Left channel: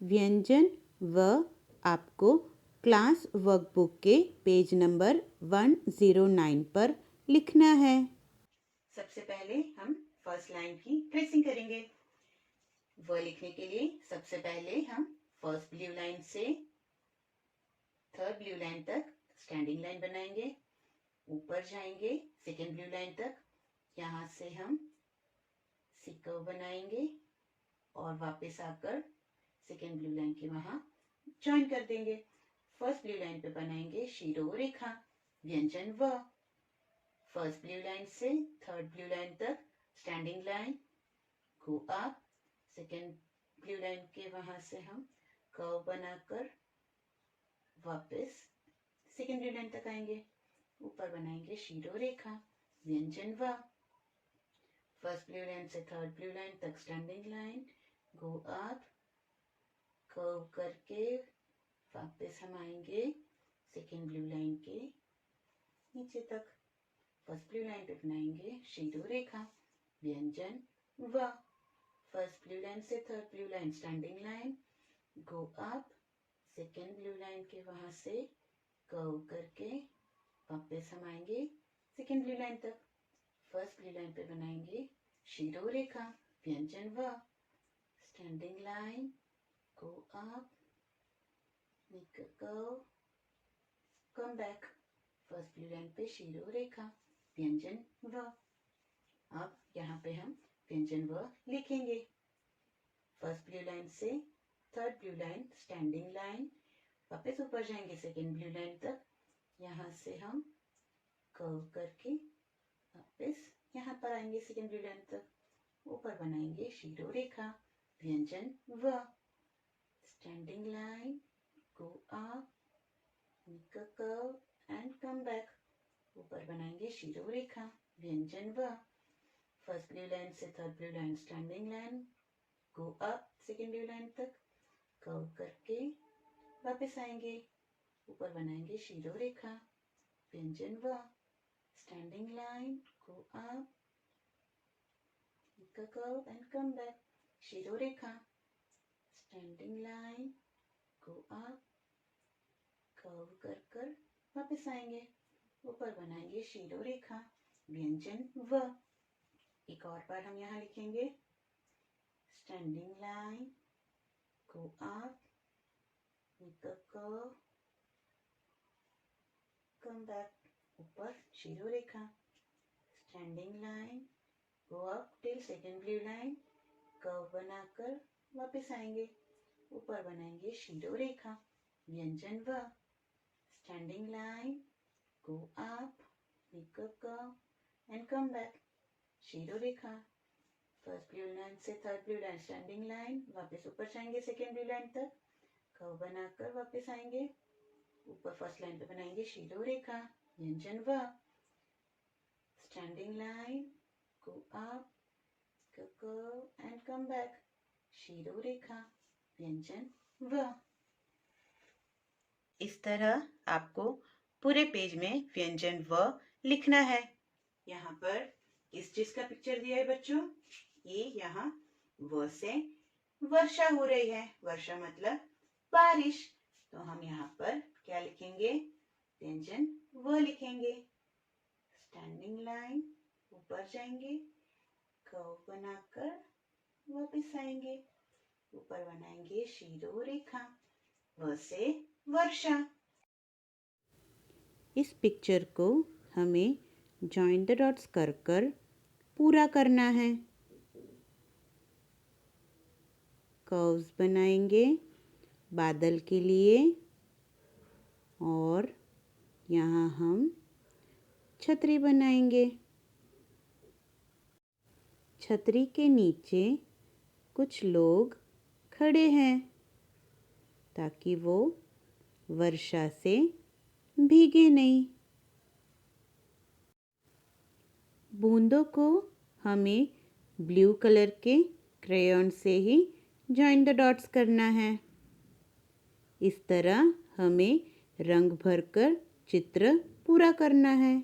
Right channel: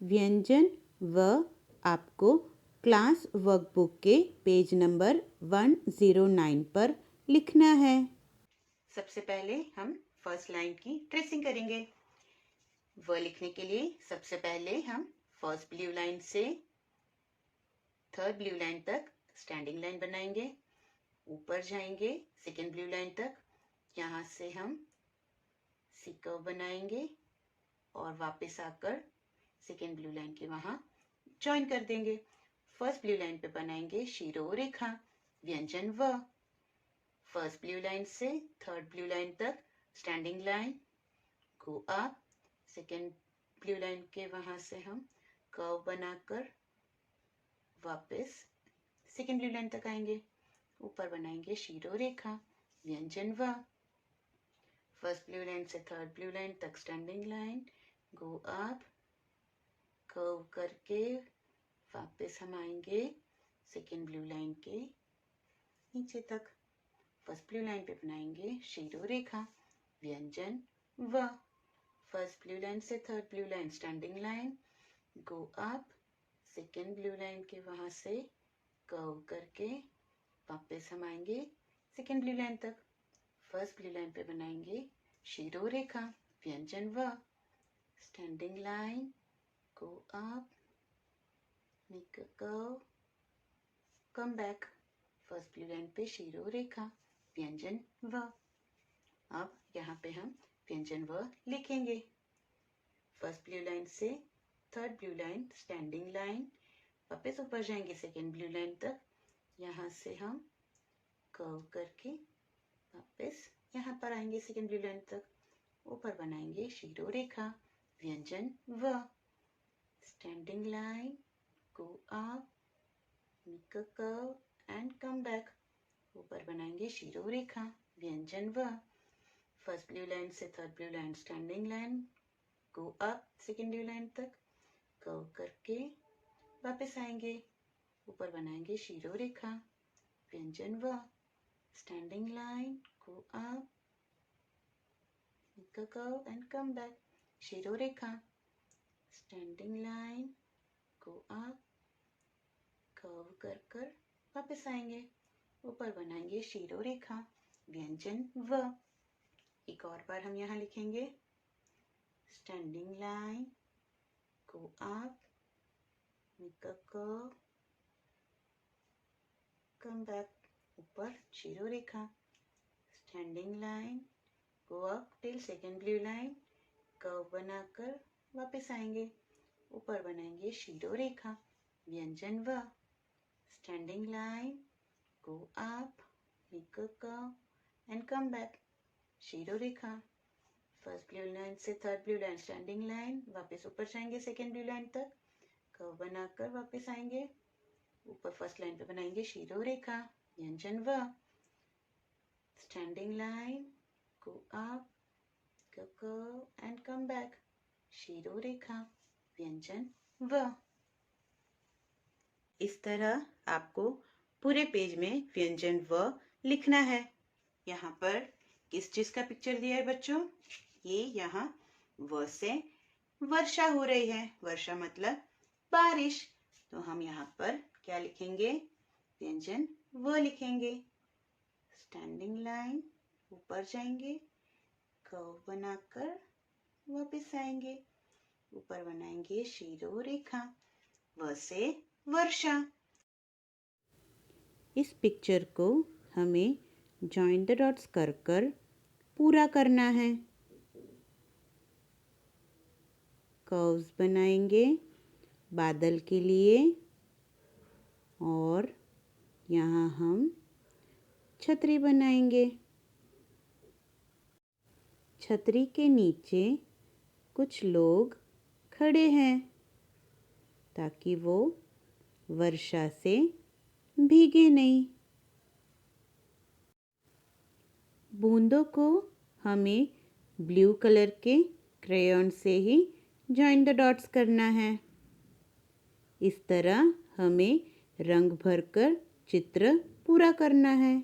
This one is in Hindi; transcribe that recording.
व्यंजन व आपको क्लास वर्कबुक के पेज नंबर 109 पर लिखना है। सबसे पहले हम फर्स्ट लाइन की ट्रेसिंग करेंगे। व लिखने के लिए सबसे पहले हम फर्स्ट ब्लू लाइन से थर्ड ब्लू लाइन तक स्टैंडिंग लाइन बनाएंगे। ऊपर जाएंगे सेकेंड ब्लू लाइन तक, यहाँ से हम सी कर्व बनाएंगे और वापस आकर सेकेंड ब्लू लाइन के वहां ज्वाइन कर देंगे। फर्स्ट ब्लू लाइन पे बनाएंगे शिरोरेखा व्यंजन व। फर्स्ट ब्लू लाइन से थर्ड ब्लू लाइन तक standing line, go up, second blue line के वहां से हम कर्व बनाकर वापस सेकेंड ब्लू लाइन तक आएंगे। ऊपर बनाएंगे शिरोरेखा व्यंजन व। फर्स्ट ब्लू लाइन से थर्ड ब्लू लाइन तक standing line, go up, curve करके वापस हम आएंगे सेकेंड ब्लू लाइन के नीचे तक। फर्स्ट ब्लू लाइन पे बनाएंगे शिरोरेखा व्यंजन व। फर्स्ट ब्लू लाइन से third blue line standing line, go up, second blue line के वहां से कर्व करके वापस हम आएंगे सेकेंड ब्लू लाइन तक। फर्स्ट ब्लू लाइन पे बनाएंगे शिरोरेखा व्यंजन व। Standing line, go up, make a curve, come back. First blue line पे शिरोरेखा व्यंजन व। अब यहाँ पे हम व्यंजन व लिखेंगे। फर्स्ट ब्लू लाइन से third blue line standing line, वापस ऊपर जाएंगे सेकेंड ब्लू लाइन तक, यहाँ से हम कर्व करके वापस यहाँ पर आएंगे सेकेंड ब्लू लाइन तक। ऊपर बनाएंगे शिरोरेखा व्यंजन व। Standing line, go up, make a curve and come back. ऊपर बनाएंगे शिरोरेखा व्यंजन व। फर्स्ट ब्लू लाइन से third blue line standing line, go up second blue line तक, कर्व करके वापस आएंगे। ऊपर बनाएंगे शिरोरेखा व्यंजन व। Standing line, go up, make a curve and come back. शिरोरेखा standing line, go up, curve कर वापस आएंगे। ऊपर बनाएंगे शिरोरेखा व्यंजन व। एक और बार हम यहाँ लिखेंगे standing line, go up, make a curve, come back. ऊपर शिरोरेखा standing line, go up till second blue line, curve बनाकर वापस आएंगे। ऊपर बनाएंगे शिरोरेखा व्यंजन व। Standing line, go up, make a curve and come back. शिरोरेखा फर्स्ट ब्लू लाइन से third blue line standing line, वापस ऊपर जाएंगे सेकेंड ब्लू लाइन तक, कर्व बनाकर वापस आएंगे। ऊपर फर्स्ट लाइन पे बनाएंगे शिरोरेखा व्यंजन व। Standing line, go up, curve and come back. शिरोरेखा व्यंजन व। इस तरह आपको पूरे पेज में व्यंजन व लिखना है। यहाँ पर किस चीज का पिक्चर दिया है बच्चों? ये यहाँ व से वर्षा हो रही है। वर्षा मतलब बारिश। तो हम यहाँ पर क्या लिखेंगे? व्यंजन व लिखेंगे। स्टैंडिंग लाइन, ऊपर जाएंगे, कर्व बनाकर वापस आएंगे। ऊपर बनाएंगे शिरोरेखा, व से वर्षा। इस पिक्चर को हमें जॉइन द डॉट्स कर पूरा करना है। कर्व्स बनाएंगे बादल के लिए और यहाँ हम छतरी बनाएंगे। छतरी के नीचे कुछ लोग खड़े हैं ताकि वो वर्षा से भीगे नहीं। बूंदों को हमें ब्लू कलर के क्रेयॉन से ही जॉइन द डॉट्स करना है। इस तरह हमें रंग भरकर चित्र पूरा करना है।